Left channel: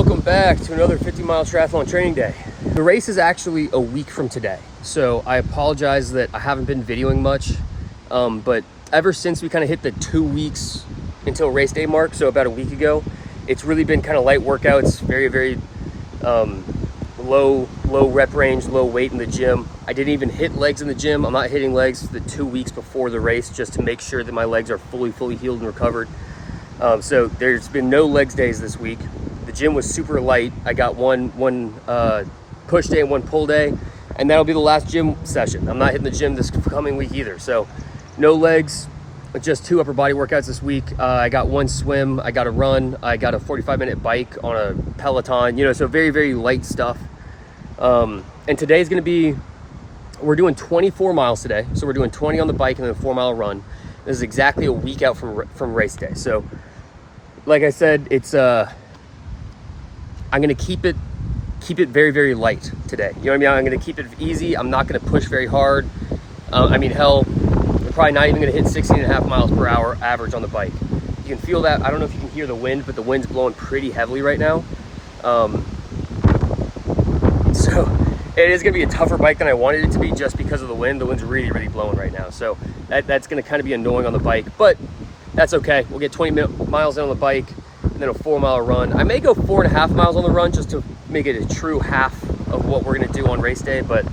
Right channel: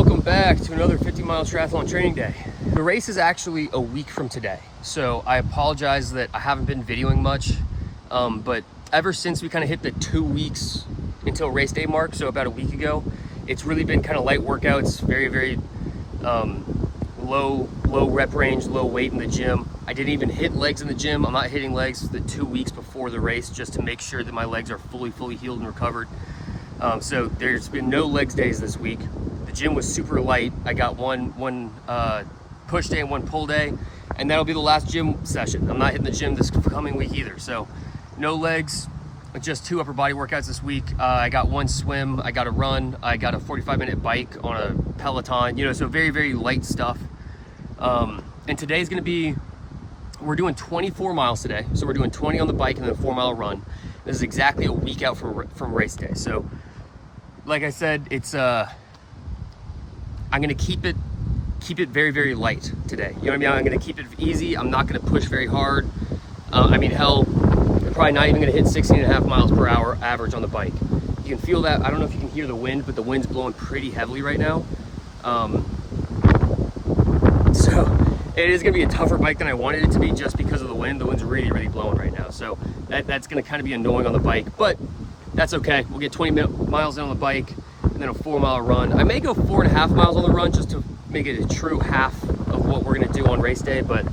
welcome back to another 50-mile triathlon training day. The race is actually a week from today, so I apologize that I haven't been videoing much, but ever since we kind of hit the 2 weeks until race day mark, so about a week ago, it's really been kind of light workouts, very low rep range, low weight in the gym. I didn't even hit legs in the gym. I'm not hitting legs the 2 weeks before the race just to make sure that my legs are fully healed and recovered. So there's been no legs days this week. The gym was super light. I got one push day and one pull day, and that'll be the last gym session. I'm not hitting the gym this coming week either. So no legs, just 2 upper body workouts this week. I got 1 swim, I got a run, I got a 45-minute bike on a Peloton, so very light stuff. And today's gonna be, we're doing 24 miles today. So we're doing 20 on the bike and then a 4-mile run. This is exactly a week out from race day. So like I said, it's I'm gonna keep it very light today. You know what I mean? I'm gonna keep it easy. I'm not gonna push very hard. Hell, I'm probably not even gonna hit 16.5 miles per hour average on the bike. You can feel that. I don't know if you can hear the wind, but the wind's blowing pretty heavily right now. So it is gonna be a tougher bike than I wanted it to be just because of the wind. The wind's really blowing right now. So that's gonna kind of be annoying on the bike, but that's okay. We'll get 20 miles in on the bike and then a 4-mile run. I may go 4.5 miles on the run just to make it a true half of what we're gonna do on race day. But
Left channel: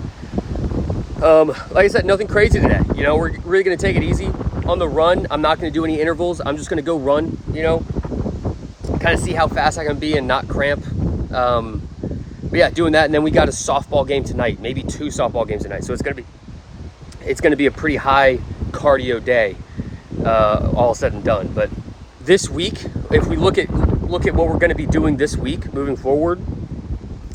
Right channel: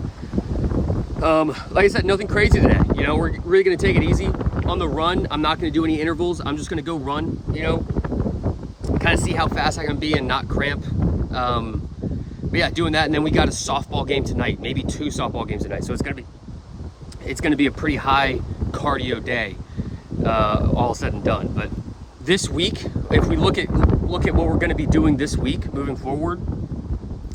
like I said, nothing crazy today. We're really gonna take it easy on the run. I'm not gonna do any intervals. I'm just gonna go run, kind of see how fast I can be and not cramp. But yeah, doing that. And then we got a softball game tonight, maybe 2 softball games tonight. So it's gonna be a pretty high cardio day, all said and done. But this week, if we look at what we're gonna be doing this week moving forward,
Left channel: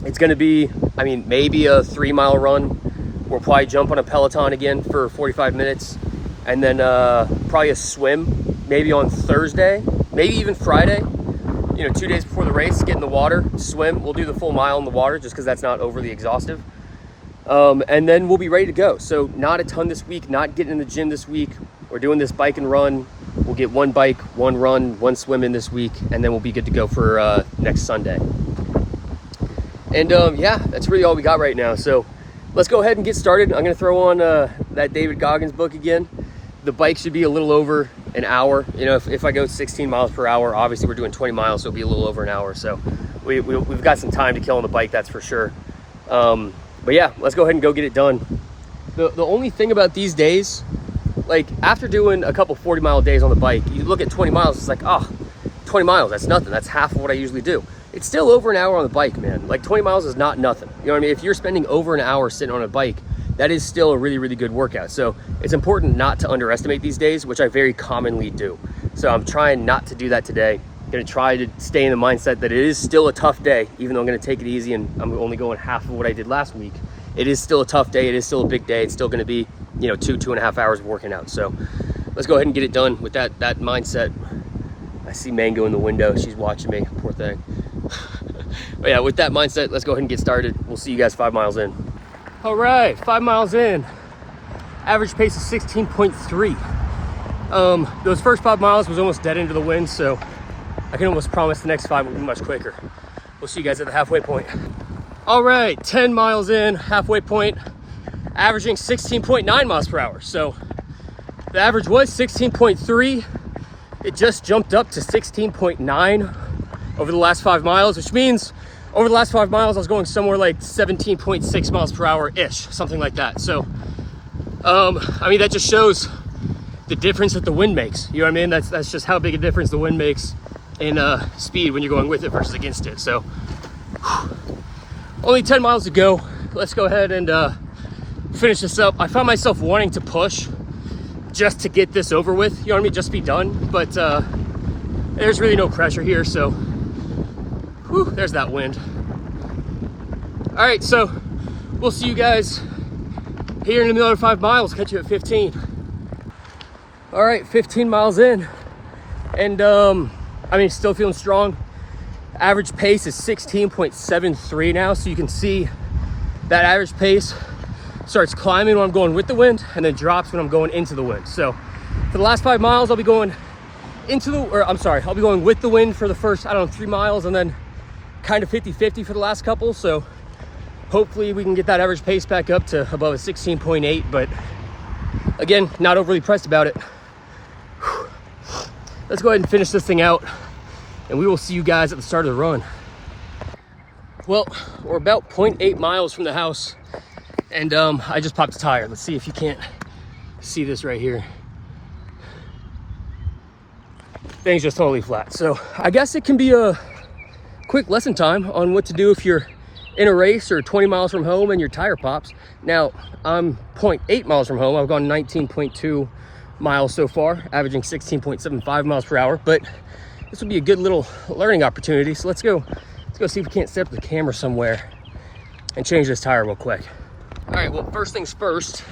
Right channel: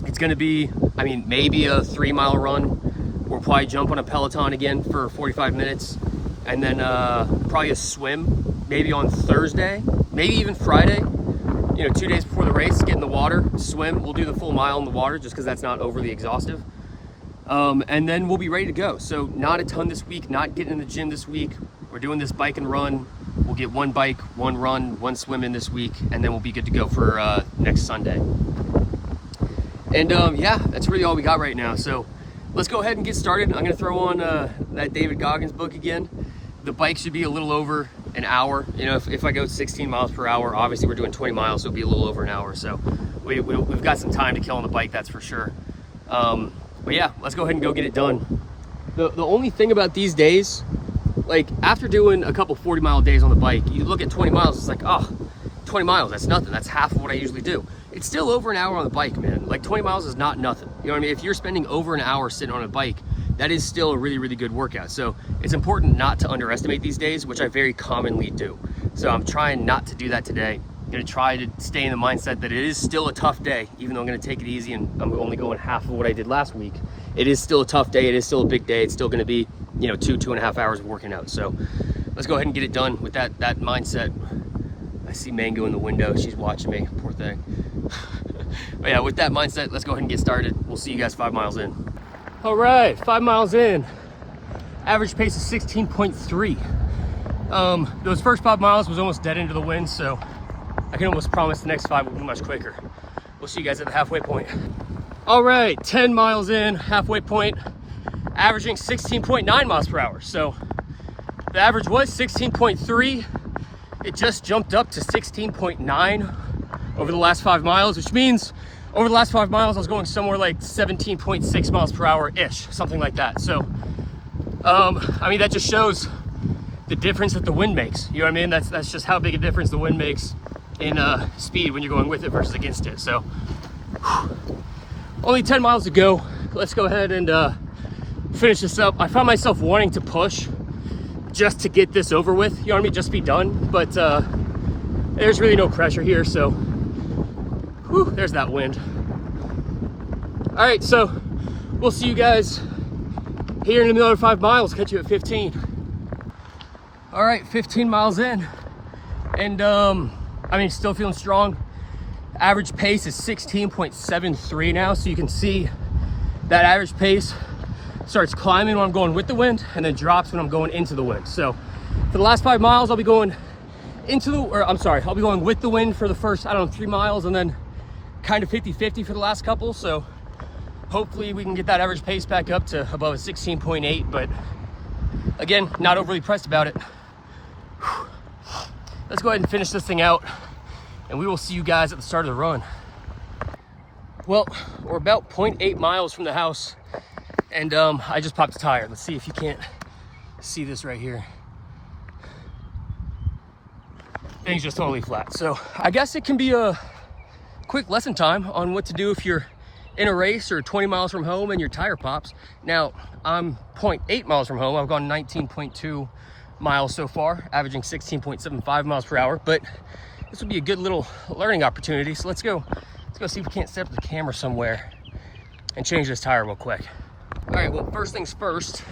it's gonna be, maybe a 3-mile run. We'll probably jump on a Peloton again for 45 minutes, and then probably a swim, maybe on Thursday, maybe even Friday. 2 days before the race, get in the water, swim. We'll do the full mile in the water just because that's not overly exhaustive. And then we'll be ready to go. So not a ton this week, not getting in the gym this week. We're doing this bike and run. We'll get 1 bike, 1 run, 1 swim in this week, and then we'll be good to go for next Sunday. And yeah, that's really all we got right now. So let's go ahead and get started. I'm gonna throw on that David Goggins book again. The bike should be a little over an hour. If I go 16 miles per hour, obviously we're doing 20 miles, so it'll be a little over an hour. So we've got some time to kill on the bike, that's for sure. But yeah, let's go ahead and go get it done. The only thing about these days, like after doing a couple 40-mile days on the bike, you look at 20 miles, it's like, 20 miles, that's nothing. That's half of what I usually do. It's still over an hour on the bike, man. Like 20 miles is not nothing. You know what I mean? If you're spending over an hour sitting on a bike, that is still a really good workout. So it's important not to underestimate these days, which I very commonly do. So I'm trying not to do that today. I'm gonna try to stay in the mindset that it is still a tough day, even though I'm gonna take it easy and I'm only going half of what I did last week. It is still a tough day. It is still a big day. It's still gonna be, 2.5 hours of working out. So let's go ahead and get it done with that mindset. I see Mango in the window. She's watching me, poor thing. But yeah, with that mindset, let's go ahead and get started. We'll see you guys 5 miles in. All right, 5 miles in. Average pace is 16.3. Those first 5 miles was almost dead into the wind, so I can almost promise the next 5 will be much quicker. We'll see you guys at the halfway point. All right, 10 miles in, halfway point, averaging 16.9 miles per hour. So the average was 16.3. It just jumped up to 16.9 over the last 5 miles, which means over the last 5 miles, I was going somewhere like 17.6 miles per hour-ish, something like that. So, that just shows the difference that the wind makes. You know what I mean? That's just how big a difference the wind makes in speed when you're going with it versus against it. So, only 10 miles to go. Let's go ahead and finish this up. I found myself wanting to push just to get this over with. You know what I mean? Just be done. But there's really no pressure here, so whew, there's that wind. All right, so we'll see you guys here in another 5 miles. Catch you at 15. All right, 15 miles in, and still feeling strong. Average pace is 16.73 now, so you can see that average pace starts climbing when I'm going with the wind and then drops when I'm going into the wind. So for the last 5 miles, I'll be going with the wind for the first, 3 miles, and then kind of 50-50 for the last couple, so hopefully we can get that average pace back up to above a 16.8, but again, not overly pressed about it. Whew. Let's go ahead and finish this thing out, and we will see you guys at the start of the run. Well, we're about 0.8 miles from the house, and I just popped a tire. Let's see if you can't see this right here. Thing's just totally flat. So I guess it can be a quick lesson time on what to do if you're in a race or 20 miles from home and your tire pops. Now, I'm 0.8 miles from home. I've gone 19.2 miles so far, averaging 16.75 miles per hour, but this would be a good little learning opportunity. So let's go see if we can't set up the camera somewhere and change this tire real quick. All right, well, first things first,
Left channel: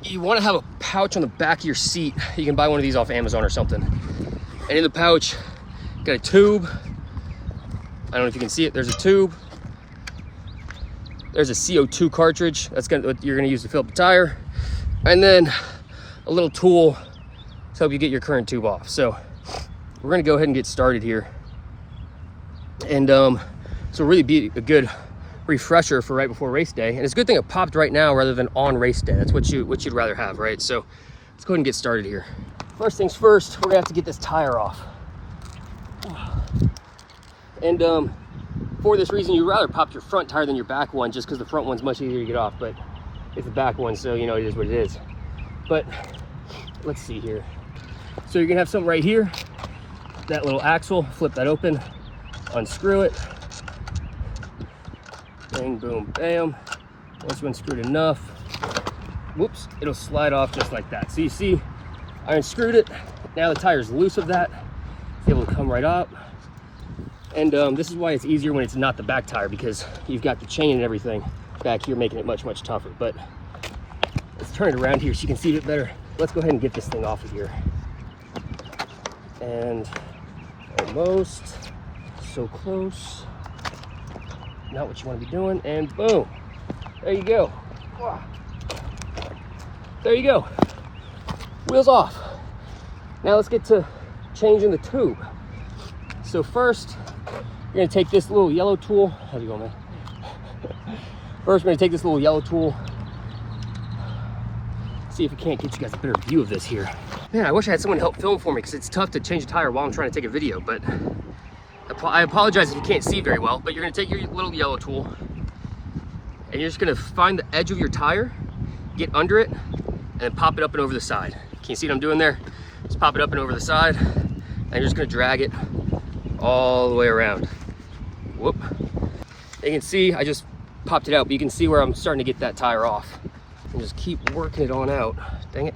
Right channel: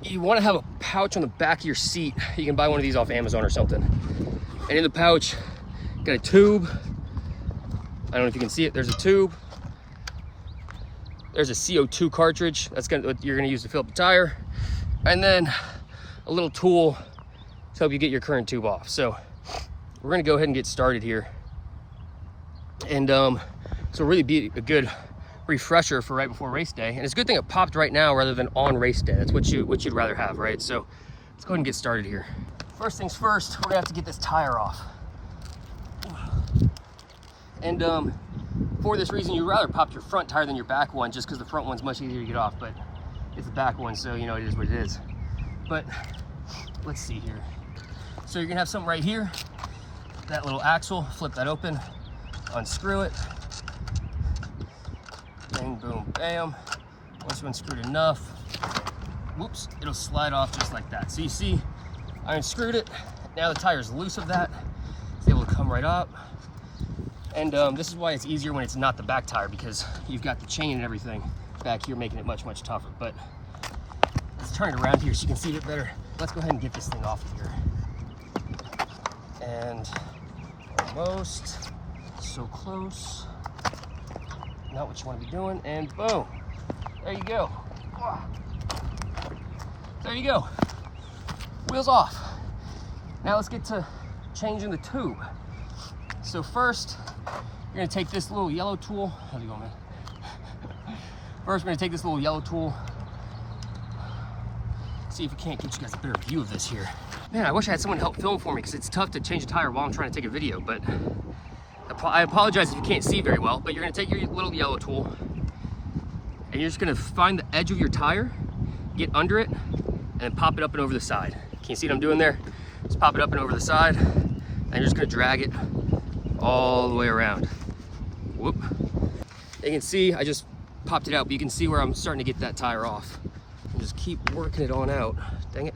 you want to have a pouch on the back of your seat. You can buy one of these off Amazon or something. And in the pouch, got a tube. I don't know if you can see it. There's a tube. There's a CO2 cartridge. That's what you're gonna use to fill up the tire. And then a little tool to help you get your current tube off. So we're gonna go ahead and get started here. And so really be a good refresher for right before race day. And it's a good thing it popped right now rather than on race day. That's what you'd rather have, right? So let's go ahead and get started here. First things first, we're gonna have to get this tire off. And for this reason, you'd rather pop your front tire than your back one, just because the front one's much easier to get off, but it's the back one, so you know, it is what it is. But let's see here. So you're gonna have something right here, that little axle, flip that open, unscrew it. Bang, boom, bam. Once you unscrewed enough, whoops, it'll slide off just like that. So you see, I unscrewed it. Now the tire's loose of that. It's able to come right up. And this is why it's easier when it's not the back tire, because you've got the chain and everything back here making it much, much tougher. But let's turn it around here so you can see a bit better. Let's go ahead and get this thing off of here. And almost, so close. Not what you want to be doing, and boom, there you go. There you go, wheels off. Now let's get to changing the tube. So first, you're gonna take this little yellow tool. How's it going, man? First, we're gonna take this little yellow tool. See if we can't get you guys a better view of this here. Man, I wish I had someone to help film for me, because it's tough to change a tire while I'm trying to take a video, but I apologize if you can't see very well, but you're gonna take your little yellow tool and you're just gonna find the edge of your tire, get under it, and then pop it up and over the side. Can you see what I'm doing there? Just pop it up and over the side, and you're just gonna drag it all the way around. Whoop. You can see, I just popped it out, but you can see where I'm starting to get that tire off. And just keep working it on out. Dang it.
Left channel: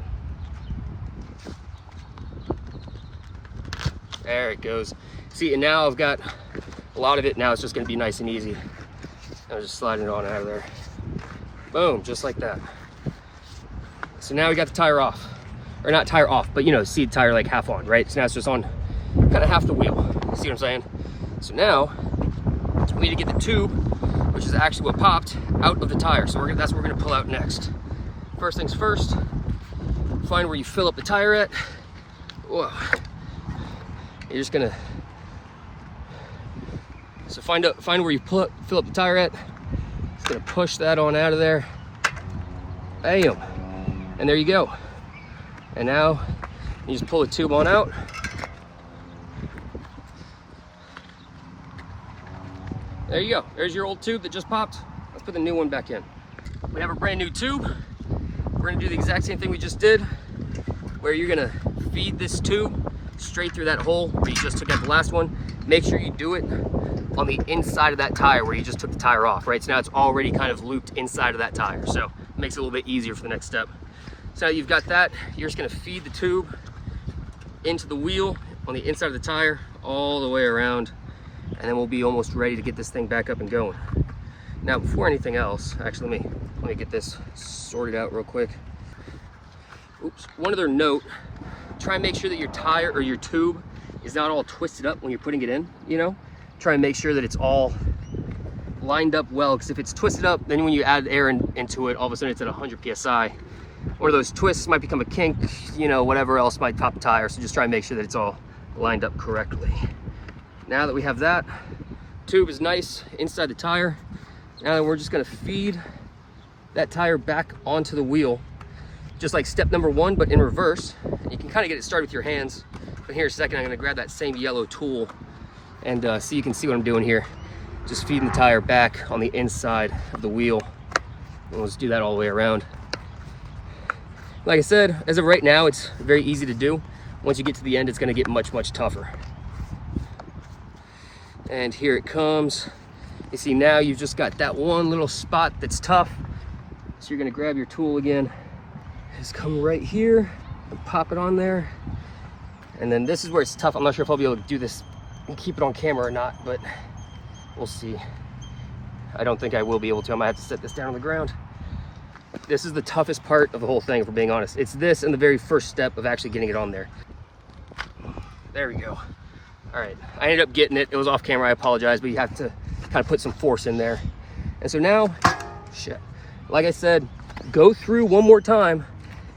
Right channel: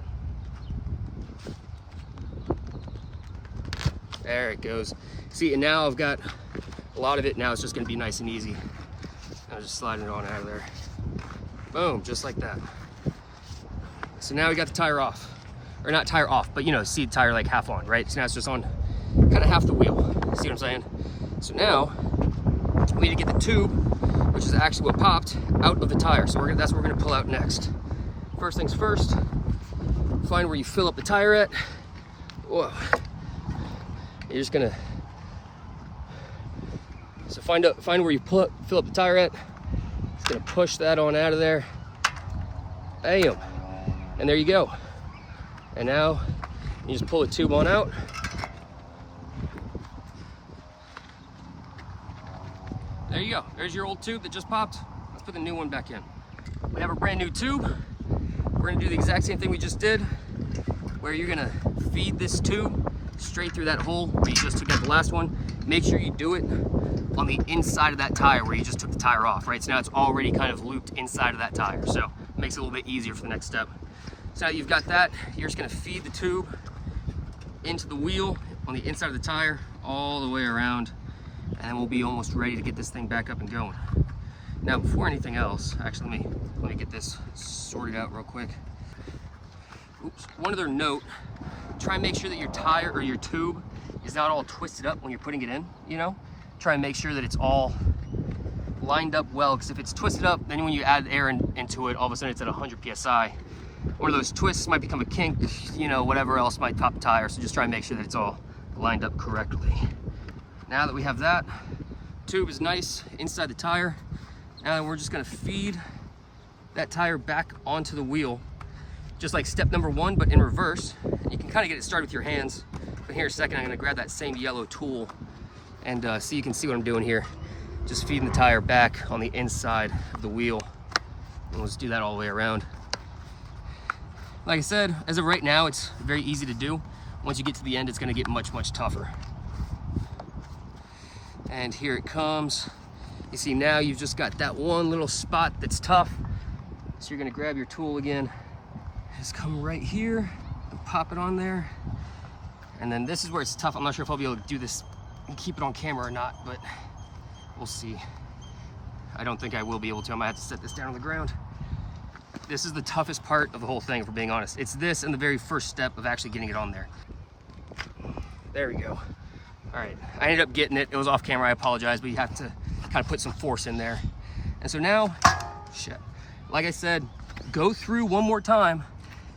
There it goes. See, and now I've got a lot of it. Now it's just gonna be nice and easy. I'm just sliding it on out of there. Boom, just like that. So now we got the tire off. Or not tire off, but you know, see the tire like half on, right? So now it's just on kind of half the wheel. See what I'm saying? So now we need to get the tube, which is actually what popped, out of the tire. So that's what we're gonna pull out next. First things first, find where you fill up the tire at. Whoa. You're just gonna, so find where you fill up the tire at. Just gonna push that on out of there. Bam. And there you go. And now you just pull the tube on out. There you go. There's your old tube that just popped. Let's put the new one back in. We have a brand new tube. We're gonna do the exact same thing we just did, where you're gonna feed this tube straight through that hole where you just took out the last one. Make sure you do it on the inside of that tire where you just took the tire off, right? So now it's already kind of looped inside of that tire. So it makes it a little bit easier for the next step. So now you've got that, you're just gonna feed the tube into the wheel on the inside of the tire all the way around, and then we'll be almost ready to get this thing back up and going. Now, before anything else, actually, let me get this sorted out real quick. Oops, one other note, try and make sure that your tire or your tube is not all twisted up when you're putting it in, you know? Try and make sure that it's all lined up well, because if it's twisted up, then when you add air into it, all of a sudden it's at 100 PSI. One of those twists might become a kink, you know, whatever else might pop the tire, so just try and make sure that it's all lined up correctly. Now that we have that, tube is nice inside the tire. Now we're just gonna feed that tire back onto the wheel, just like step number 1, but in reverse. And you can kind of get it started with your hands. But here in a second, I'm gonna grab that same yellow tool and so you can see what I'm doing here. Just feeding the tire back on the inside of the wheel. And let's do that all the way around. Like I said, as of right now, it's very easy to do. Once you get to the end, it's gonna get much, much tougher. And here it comes. You see now you've just got that one little spot that's tough. So you're gonna grab your tool again, just come right here and pop it on there. And then this is where it's tough. I'm not sure if I'll be able to do this and keep it on camera or not, but we'll see. I don't think I will be able to. I might have to set this down on the ground. This is the toughest part of the whole thing, if we're being honest. It's this and the very first step of actually getting it on there. There we go. All right, I ended up getting it. It was off camera, I apologize, but you have to kind of put some force in there. And so now, shit, like I said, go through one more time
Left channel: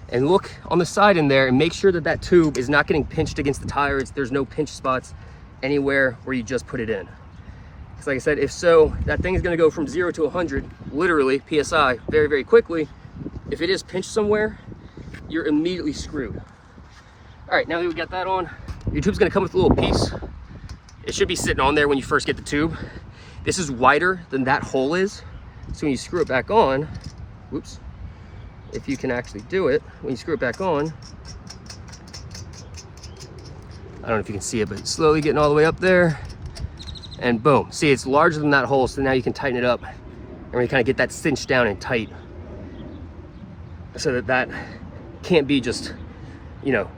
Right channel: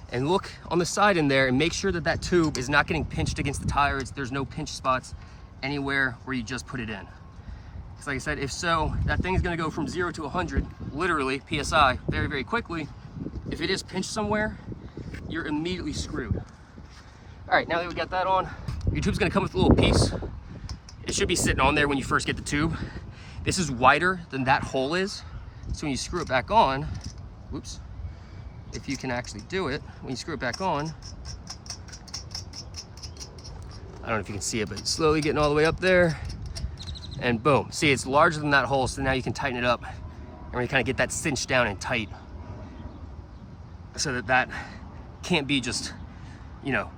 and look on the side in there and make sure that that tube is not getting pinched against the tires. There's no pinch spots anywhere where you just put it in. Because like I said, if so, that thing is gonna go from 0 to 100, literally, PSI, very, very quickly. If it is pinched somewhere, you're immediately screwed. All right, now that we've got that on, your tube's gonna come with a little piece. It should be sitting on there when you first get the tube. This is wider than that hole is. So when you screw it back on, whoops, if you can actually do it, when you screw it back on, I don't know if you can see it, but it's slowly getting all the way up there. And boom, see, it's larger than that hole, so now you can tighten it up and really kind of get that cinched down and tight so that that can't be just, you know,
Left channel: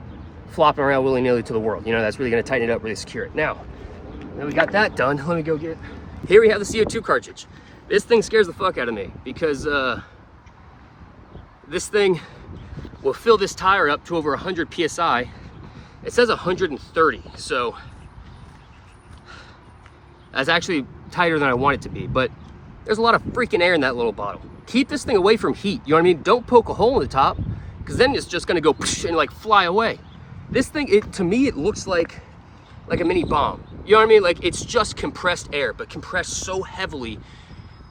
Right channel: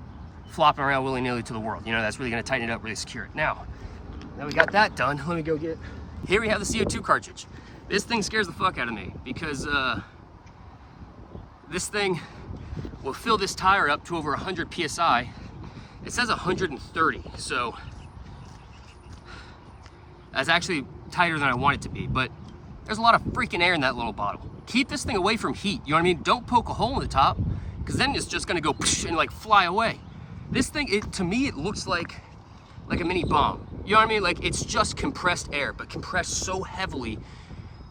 flopping around willy-nilly to the world. You know, that's really gonna tighten it up, really secure it. Now we got that done, let me go get, here we have the CO2 cartridge. This thing scares the fuck out of me because this thing will fill this tire up to over 100 PSI. It says 130, so that's actually tighter than I want it to be, but there's a lot of freaking air in that little bottle. Keep this thing away from heat, you know what I mean? Don't poke a hole in the top, because then it's just gonna go and like fly away. This thing, to me, it looks like a mini bomb. You know what I mean? Like, it's just compressed air, but compressed so heavily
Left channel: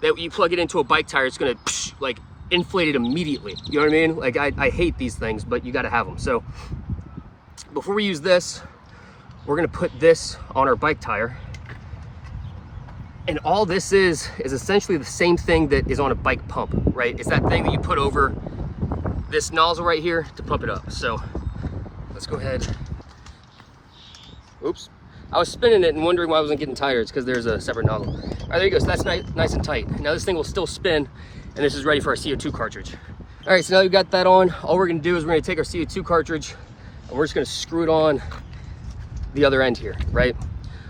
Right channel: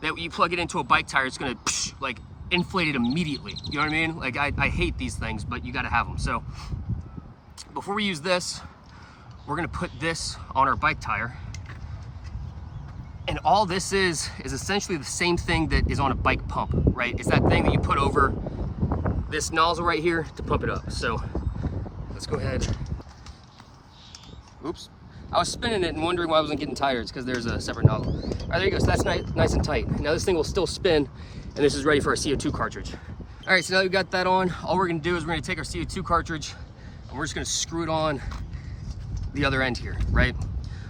that when you plug it into a bike tire, it's gonna like inflate it immediately. You know what I mean? Like, I hate these things, but you gotta have them. So before we use this, we're gonna put this on our bike tire. And all this is essentially the same thing that is on a bike pump, right? It's that thing that you put over this nozzle right here to pump it up. So let's go ahead. Oops. I was spinning it and wondering why I wasn't getting tired. It's because there's a separate nozzle. All right, there you go. So that's nice and tight. Now this thing will still spin, and this is ready for our CO2 cartridge. All right, so now we've got that on. All we're gonna do is we're gonna take our CO2 cartridge and we're just gonna screw it on the other end here, right?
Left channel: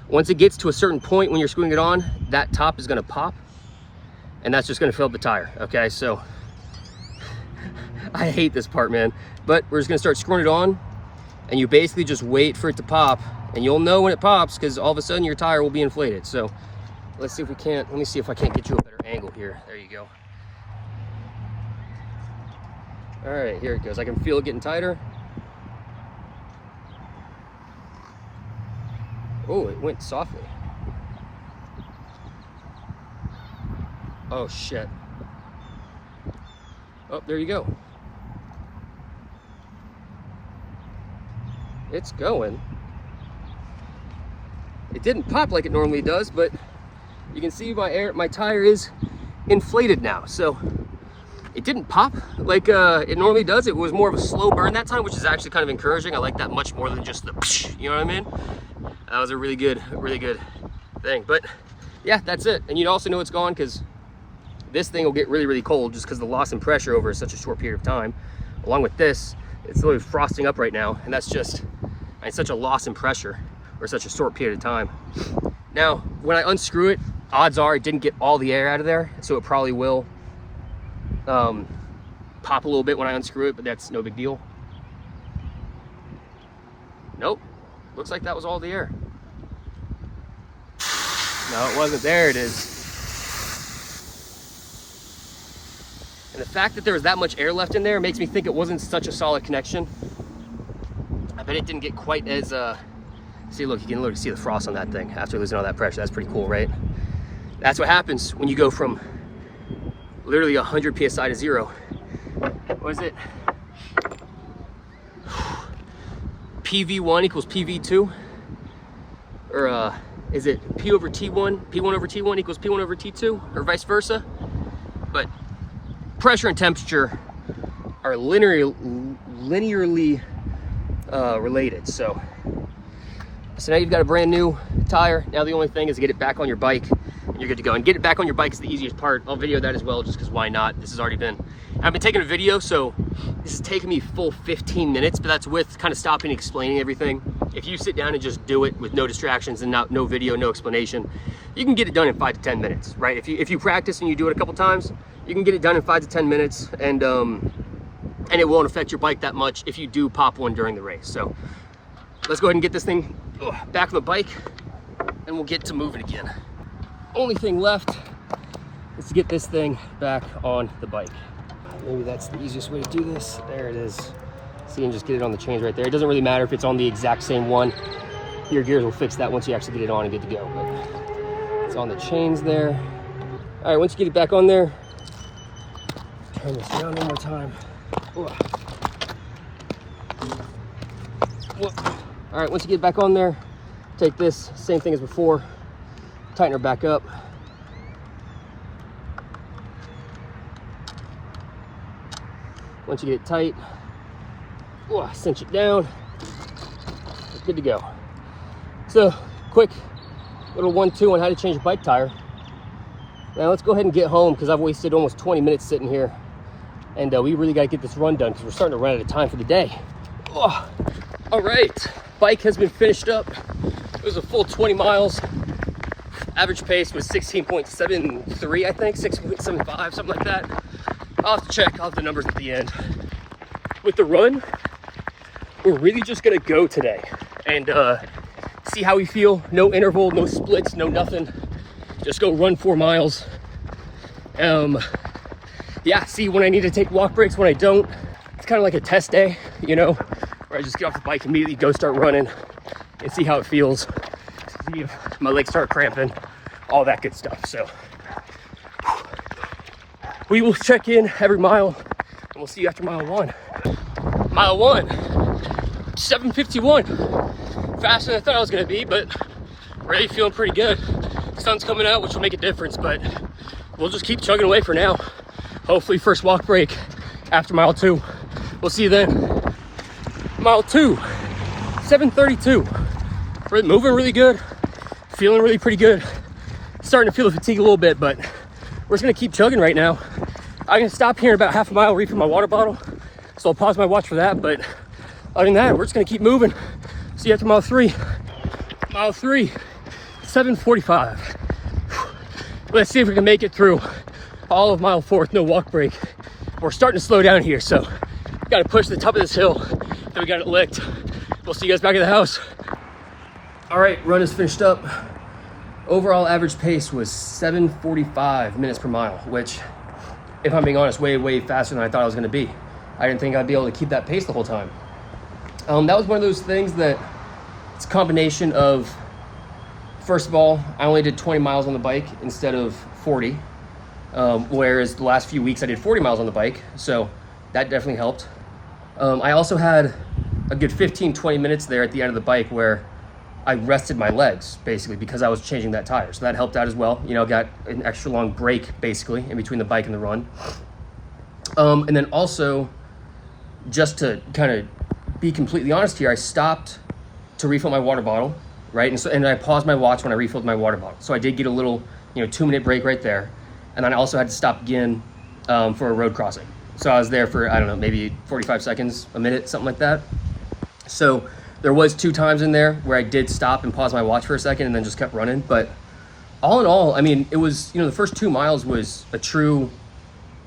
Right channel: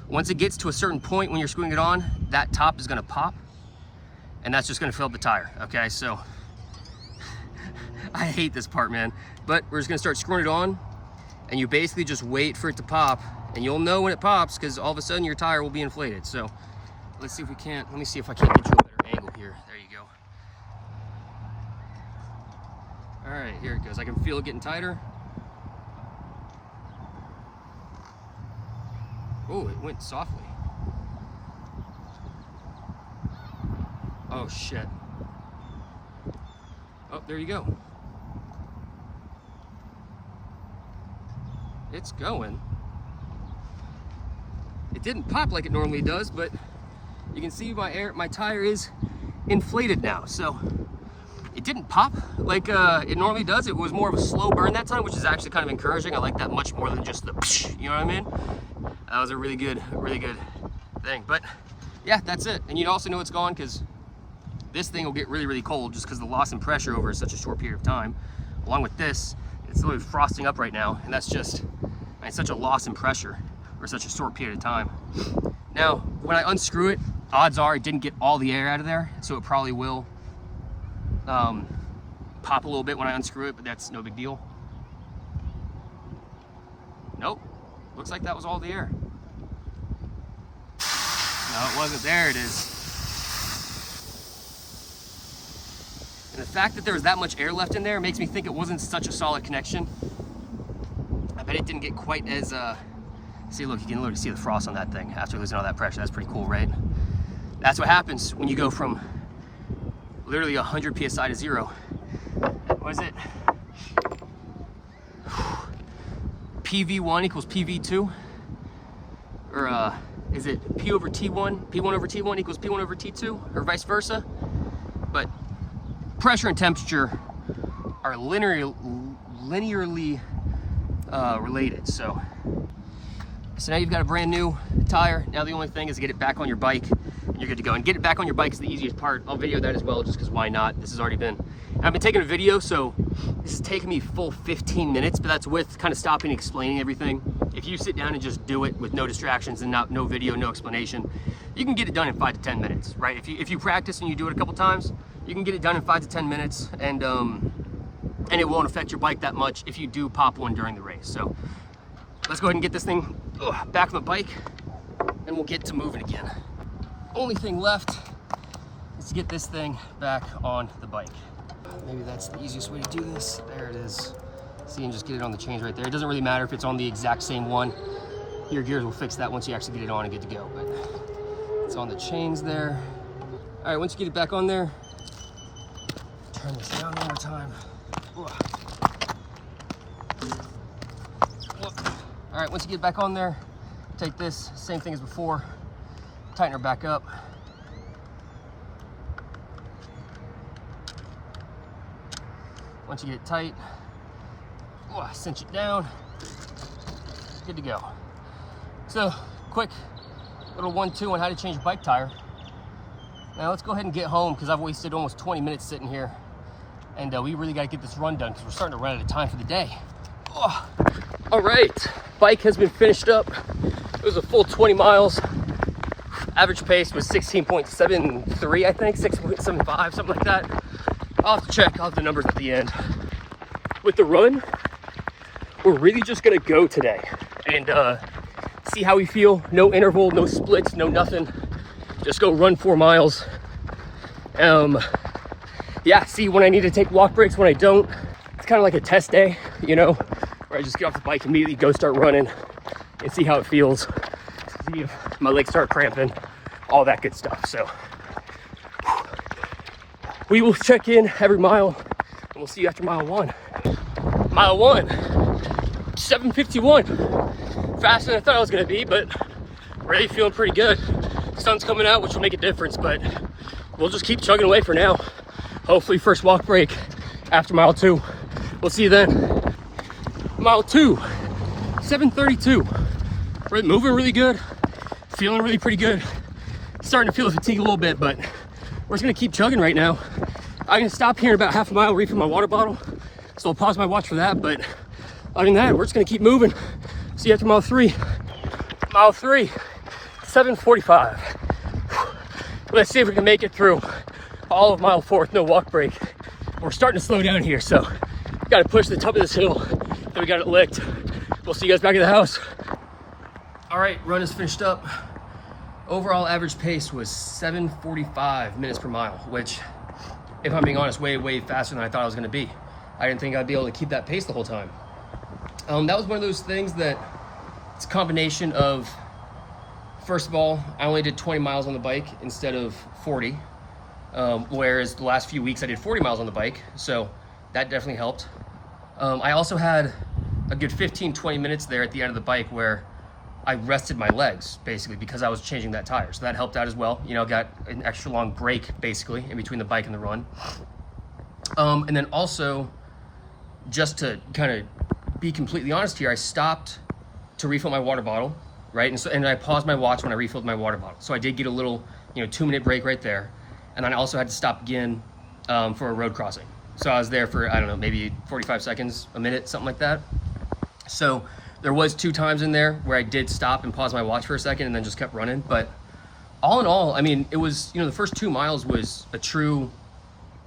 Once it gets to a certain point when you're screwing it on, that top is gonna pop, and that's just gonna fill up the tire, okay? So I hate this part, man, but we're just gonna start screwing it on, and you basically just wait for it to pop, and you'll know when it pops because all of a sudden your tire will be inflated. So let's see if we can't, let me see if I can't get you a better angle here. There you go. All right, here it goes. I can feel it getting tighter. Oh, it went softly. Oh, shit. Oh, there you go. It's going. It didn't pop like it normally does, but you can see my tire is inflated now. So it didn't pop like it normally does. It was more of a slow burn that time, which is actually kind of encouraging. I like that much more than just the psh, you know what I mean? That was a really good thing. But yeah, that's it. And you'd also know it's gone because this thing will get really, really cold just because the loss in pressure over such a short period of time. Along with this, it's literally frosting up right now, and that's just such a loss in pressure or such a short period of time. Now, when I unscrew it, odds are it didn't get all the air out of there, so it probably will pop a little bit when I unscrew it, but that's no big deal. Nope, looks like that was all the air. No, it wasn't. There it is. And the fact that there was that much air left in there makes me think it wasn't such a solid connection. I bet it didn't get quite as See, look, you can literally see the frost on that thing after losing all that pressure. That's pretty cool, right? That's what happens when you go from literally 100 PSI to 0. What is it? PV1 equals PV2? Or is it P over T1? P1 over T1 equals P1 over T2? Or vice versa? But pressure and temperature are linearly related. So now you've got a brand new tire. Now the only thing is to get it back on your bike and you're good to go. And get it back on your bike is the easiest part. I'll video that as well, just because why not? This has already been, I've been taking a video, so this is taking me full 15 minutes, but that's with kind of stopping and explaining everything. If you sit down and just do it with no distractions and no video, no explanation, you can get it done in 5 to 10 minutes, right? If you practice and you do it a couple times, you can get it done in 5 to 10 minutes, and it won't affect your bike that much if you do pop one during the race. So let's go ahead and get this thing back on the bike, and we'll get to moving again. Only thing left is to get this thing back on the bike. Maybe that's the easiest way to do this. There it is. See, and just get it on the chains right there. It doesn't really matter if it's on the exact same one. Your gears will fix that once you actually get it on and get to go. But it's on the chains there. All right, once you get it back on there, turn this down one more time. All right, once you get it back on there, take this, same thing as before, tighten her back up. Once you get it tight, cinch it down, good to go. So, quick little 1-2 on how to change a bike tire. Now let's go ahead and get home, because I've wasted almost 20 minutes sitting here, and we really got to get this run done because we're starting to run out of time for the day. All right, bike has been finished up. It was a full 20 miles. Average pace was 16.73, I think, 6.75, something like that. I'll have to check, I'll have the numbers at the end. With the run, we're really just gonna go today and see how we feel. No interval, no splits, no nothing. Just go run 4 miles. Yeah, see when I need to take walk breaks, when I don't. It's kind of like a test day, you know, where I just get off the bike, immediately go start running and see how it feels. See if my legs start cramping, all that good stuff. So we will check in every mile, and we'll see you after mile 1. Mile 1, 7:51. Faster than I thought I was gonna be, but really feeling pretty good. Sun's coming out, which will make a difference, but we'll just keep chugging away for now. Hopefully first walk break after mile 2. We'll see you then. Mile 2, 7:32. We're moving really good, feeling really pretty good. Starting to feel the fatigue a little bit, but we're just gonna keep chugging right now. I'm gonna stop here in about half a mile, refill my water bottle. So I'll pause my watch for that, but other than that, we're just gonna keep moving. See you after mile 3. Mile 3, 7:45. Let's see if we can make it through all of mile 4 with no walk break. We're starting to slow down here, so we gotta push the top of this hill, and we got it licked. We'll see you guys back at the house. All right, run is finished up. Overall average pace was 7:45 minutes per mile, which, if I'm being honest, way faster than I thought I was gonna be. I didn't think I'd be able to keep that pace the whole time. That was one of those things that it's a combination of, first of all, I only did 20 miles on the bike instead of 40, whereas the last few weeks I did 40 miles on the bike, so that definitely helped. I also had a good 15-20 minutes there at the end of the bike where I rested my legs, basically, because I was changing that tire, so that helped out as well. You know, got an extra long break, basically, in between the bike and the run. And then also, just to kind of be completely honest here, I stopped to refill my water bottle, right? And I paused my watch when I refilled my water bottle. So I did get a little, 2-minute break right there. And then I also had to stop again for a road crossing. So I was there for, I don't know, maybe 45 seconds, a minute, something like that. So there was 2 times in there where I did stop and pause my watch for a second and then just kept running. But all in all, I mean, it was, the first 2 miles was a true,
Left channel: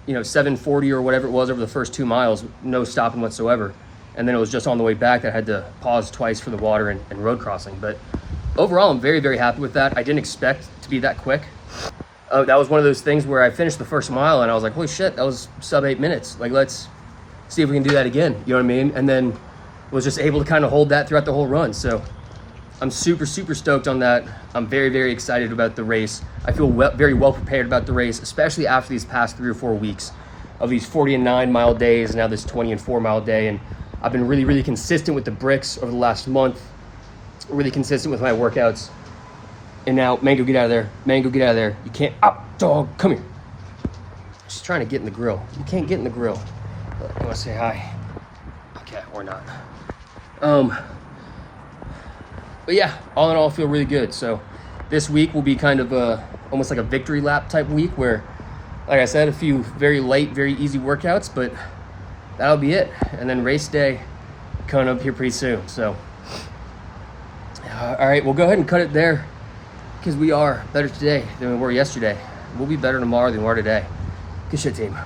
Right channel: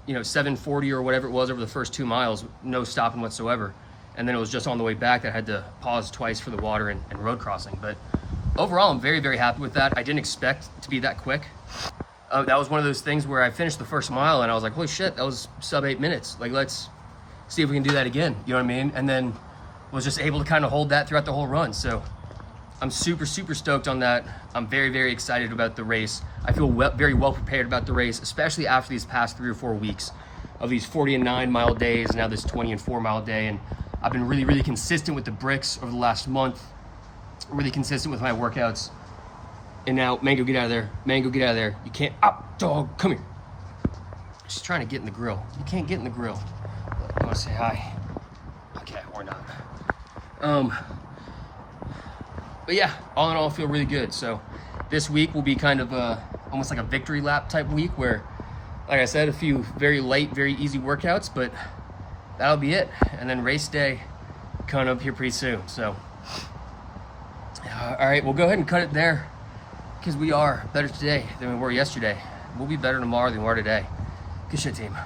7:40 or whatever it was over the first 2 miles, no stopping whatsoever. And then it was just on the way back that I had to pause twice for the water and road crossing. But overall, I'm very happy with that. I didn't expect to be that quick. That was one of those things where I finished the first mile and I was like, holy shit, that was sub 8 minutes. Like, let's see if we can do that again. You know what I mean? And then was just able to kind of hold that throughout the whole run. So I'm super stoked on that. I'm very excited about the race. I feel very well prepared about the race, especially after these past 3 or 4 weeks of these 40 and 9 mile days, and now this 20 and 4 mile day. And I've been really consistent with the bricks over the last month, really consistent with my workouts. And now, Mango, get out of there. Mango, get out of there. You can't, dog, come here. She's trying to get in the grill. You can't get in the grill. I want to say hi. Okay, or not. But yeah, all in all, I feel really good. So this week will be kind of almost like a victory lap type week where, like I said, a few very light, very easy workouts, but that'll be it. And then race day coming up here pretty soon. So, all right, we'll go ahead and cut it there because we are better today than we were yesterday. We'll be better tomorrow than we are today. Good shit, team.